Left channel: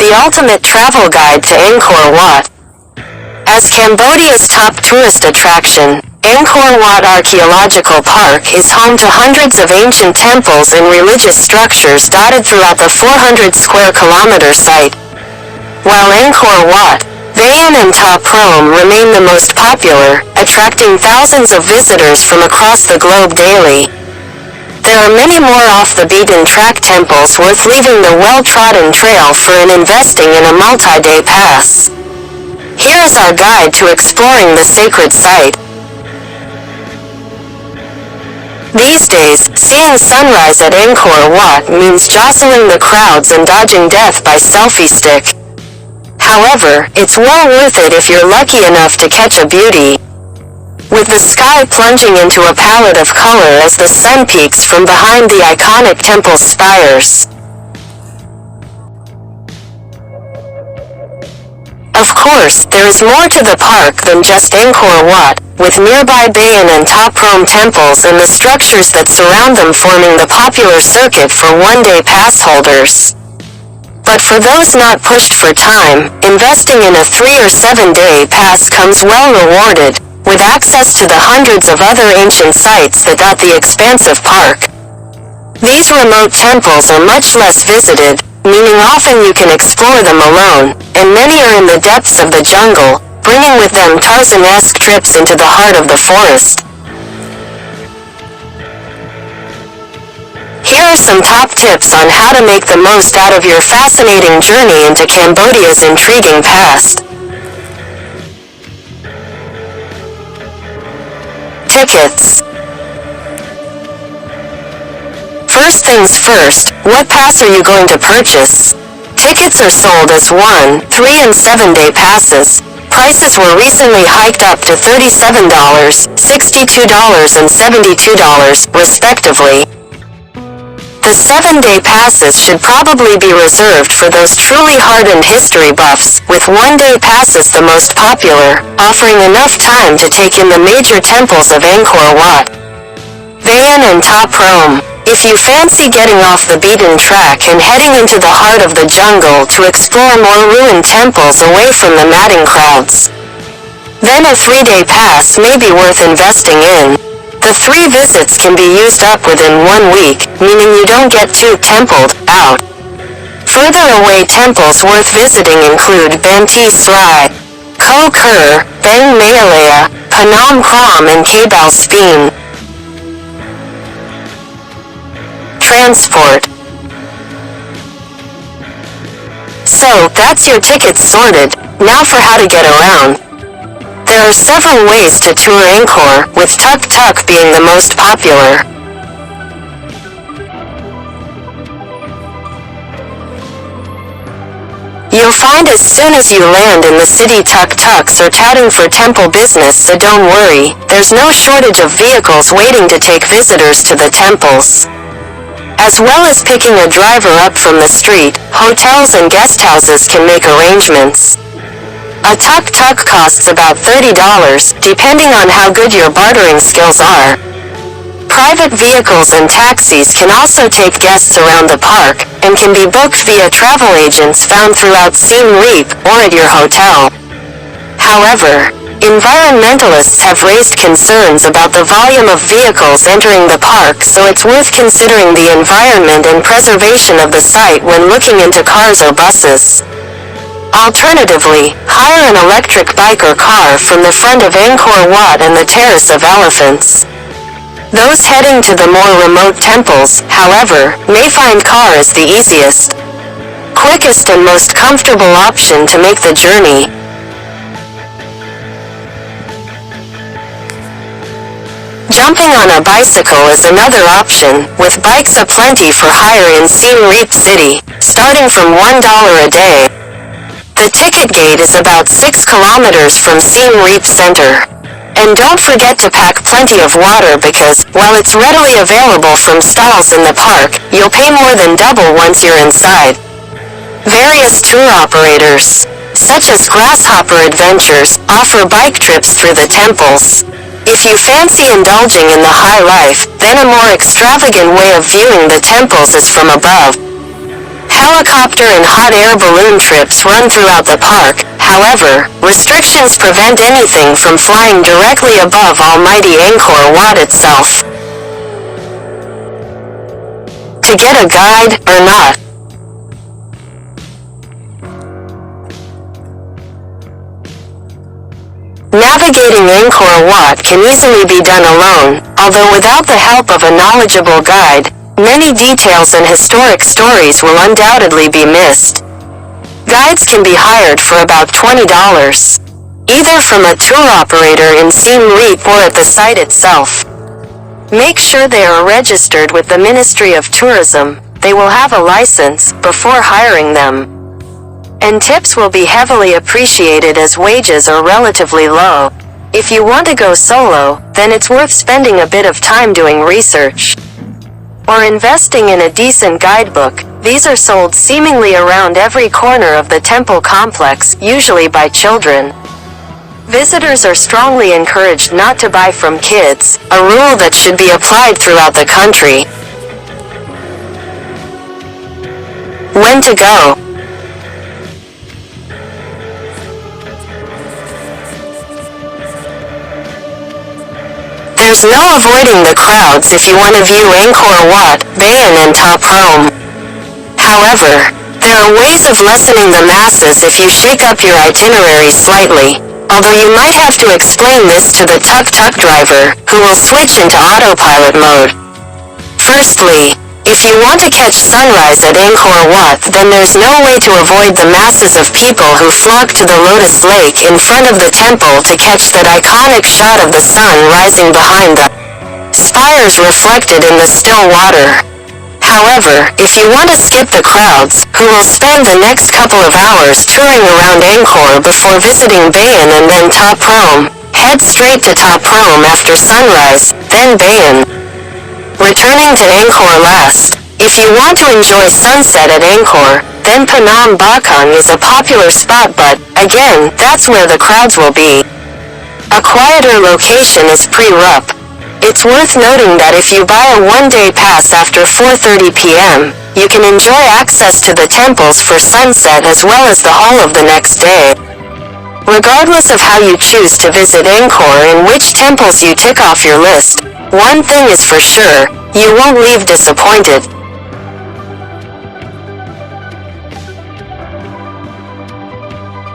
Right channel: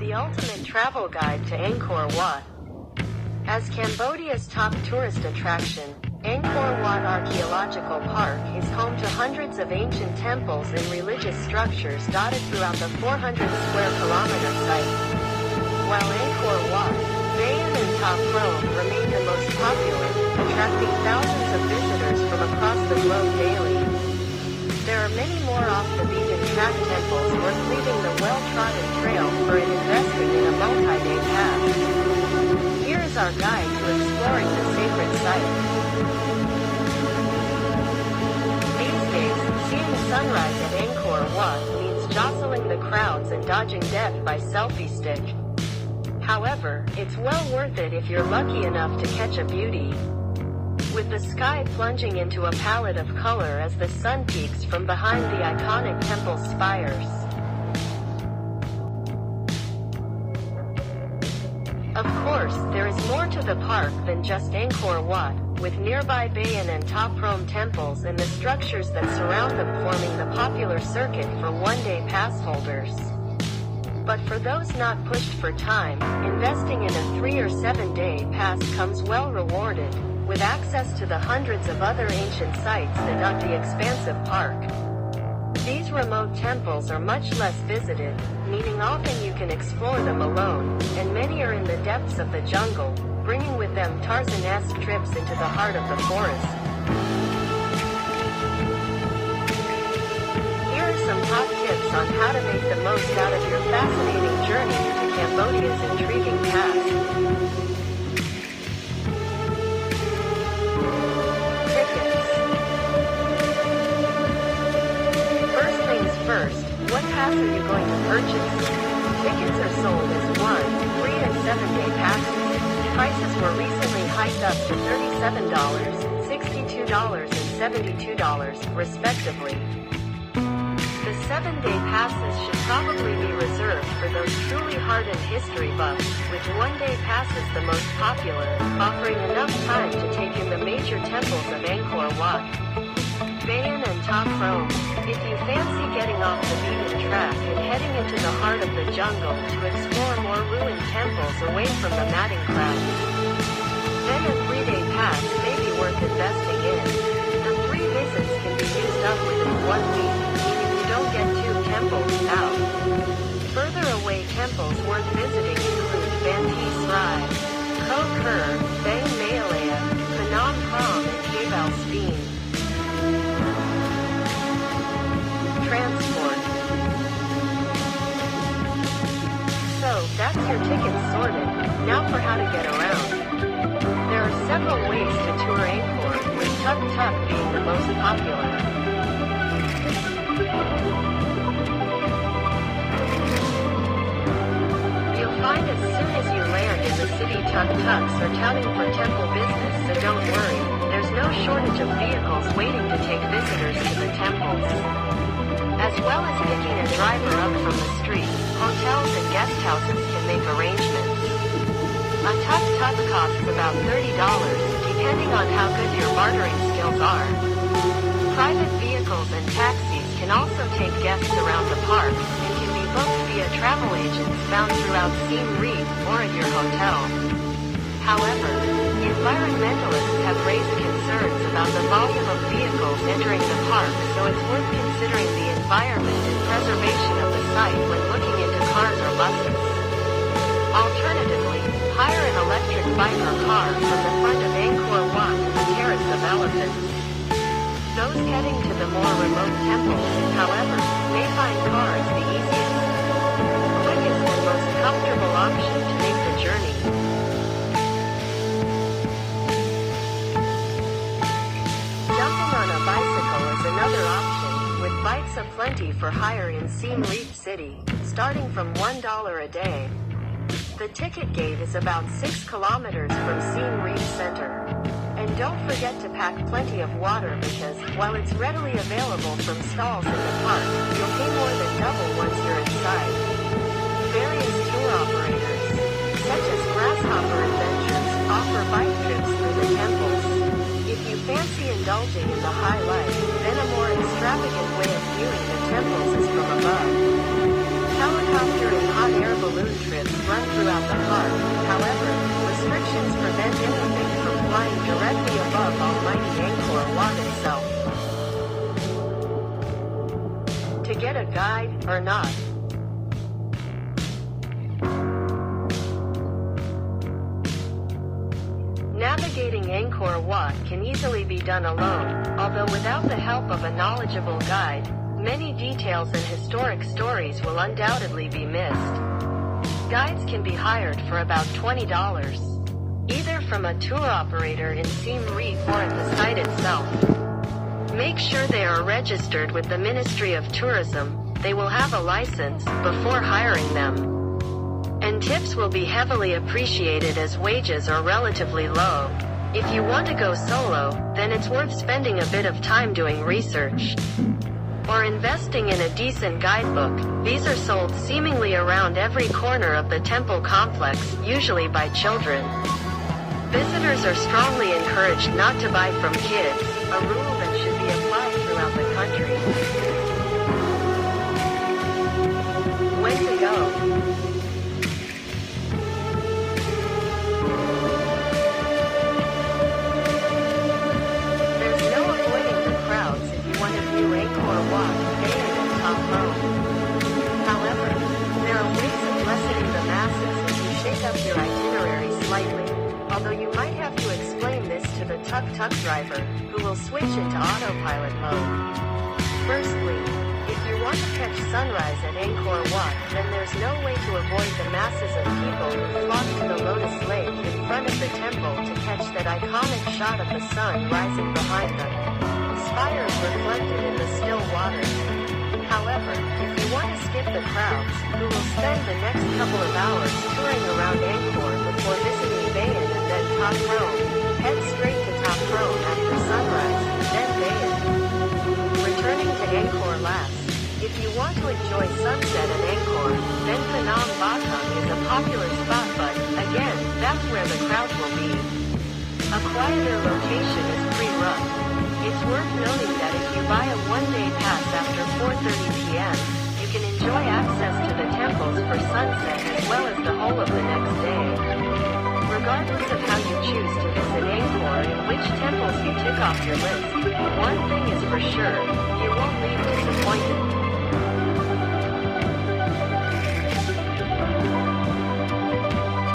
the ultimate travel guide to Angkor Wat. As Cambodia's top tourist attraction, Angkor Wat Archaeological Park is home to hundreds of ancient temples and religious structures dotted throughout the 400 square kilometer site. While Angkor Wat, Bayon and Ta Prohm remain the most popular, attracting thousands of visitors from across the globe daily. There are many more off-the-beaten-track temples worth leaving the well-trodden trail for and investing in a multi-day pass. Here is our guide to exploring the sacred site. These days, seeing sunrise at Angkor Wat means jostling the crowds and dodging death by selfie stick. However, it's well worth it if you're lucky enough to catch a beauty. With the sky plunging into a palette of color as the sun peeks from behind the iconic temple's spires. Of course, there is more to the park than just Angkor Wat, with nearby Bayon and Ta Prohm temples and the structures that surround them forming the popular circuit for one-day pass holders. But for those not pushed for time, investing in a 3 or 7 day pass comes well rewarded, with access to the hundreds of other ancient sites that dot the expansive park. These remote temples are much less visited, meaning often you can explore them alone, and many are in the depths of the jungle, bringing with them Tarzan-esque trips into the heart of the forest. Here are some top tips on how to make the most out of your fascinating journey into Cambodia's intriguing past. Tickets. First things first, what pass are you going to purchase? Tickets are sold as 1, 3 and 7 day passes. Prices were recently hiked up to $37, $62 and $72, respectively. The 7-day passes should probably be reserved for those truly hardened history buffs, with 1-day passes the most popular, offering enough time to take in the major temples of Angkor Wat. Bayon and Ta Prohm. If you fancy getting off the beaten track and heading into the heart of the jungle to explore more ruined temples away from the madding crowds, then a 3-day pass may be worth investing in. The 3 visits can be used up within 1 week, meaning you don't get too templed out. Further away temples worth visiting include Banteay Srai, Koh Ker, Bang Mayalaya, Phnom Krom and Kabal Speen. Transport. So, that's your tickets sorted. Now for how to get around. There are several ways to tour Angkor, with tuk-tuk being the most popular. You'll find as soon as you land in the city tuk-tuks are touting for temple business, so don't worry, there's no shortage of vehicles waiting to take visitors to the temples. As well as picking a driver up from the street, hotels and guest houses can make arrangements. A tuk-tuk costs about $30, depending on how good your bartering skills are. Private vehicles and taxis can also take guests around the park, and can be booked via travel agents found throughout Siem Reap or at your hotel. However, environmentalists have raised concerns about the volume of vehicles entering the park, so it's worth considering the environment and preservation of the site when looking into cars or buses. Alternatively, hire an electric bike or car from the front of Angkor Wat and the Terrace of Elephants. Those heading to the more remote temples, however, may find car as the easiest, quickest and most comfortable option to make the journey. Jumping on a bicycle is another option, with bikes aplenty for hire in Siem Reap City, starting from $1 a day. The ticket gate is about 6 kilometers from Siem Reap Center. And don't forget to pack plenty of water because, while it's readily available from stalls in the park, you'll pay more than double once you're inside. Various tour operators, such as Grasshopper Adventures, offer bike trips through the temples. If you fancy indulging in the high life, then a more extravagant way of viewing the temples is from above. Helicopter and hot air balloon trips run throughout the park. However, restrictions prevent anything from flying directly above almighty Angkor Wat itself. To get a guide, or not. Navigating Angkor Wat can easily be done alone, although without the help of a knowledgeable guide, many details and historic stories will undoubtedly be missed. Guides can be hired for about $20, either from a tour operator in Siem Reap or at the site itself. Make sure they are registered with the Ministry of Tourism. They will have a license before hiring them. And tips will be heavily appreciated as wages are relatively low. If you want to go solo, then it's worth spending a bit of time doing research. Or investing in a decent guidebook. These are sold seemingly around every corner of the temple complex, usually by children. Visitors are strongly encouraged not to buy from kids, a rule that should be applied throughout the country. When to go? There's no avoiding the crowds if you want to view Angkor Wat, Bayon and Ta Prohm. However, there are ways of lessening the masses if you shake up your itinerary slightly, although you might have to explain this to the tuk-tuk driver, who will switch into autopilot mode. Firstly, if you want to catch sunrise at Angkor Wat, then there's no way to avoid the masses of people who flock to the Lotus Lake in front of the temple to catch that iconic shot of the sun rising behind the spires reflected in the still water. However, if you want to skip the crowds, who will spend the next couple of hours touring around Angkor before visiting Bayon and then Ta Prohm, head straight to Ta Prohm after sunrise, then Bayon. Returning to Angkor last. If you want to enjoy sunset at Angkor, then Phnom Bakhang is a popular spot, but, again, that's where the crowds will be. A quieter location is Pre Rup. It's worth noting that if you buy a one-day pass after 4:30 p.m., you can enjoy access to the temples for sunset as well as the whole of the next day. Regardless of how you choose to visit Angkor and which temples you tick off your list, one thing is for sure, you won't leave disappointed.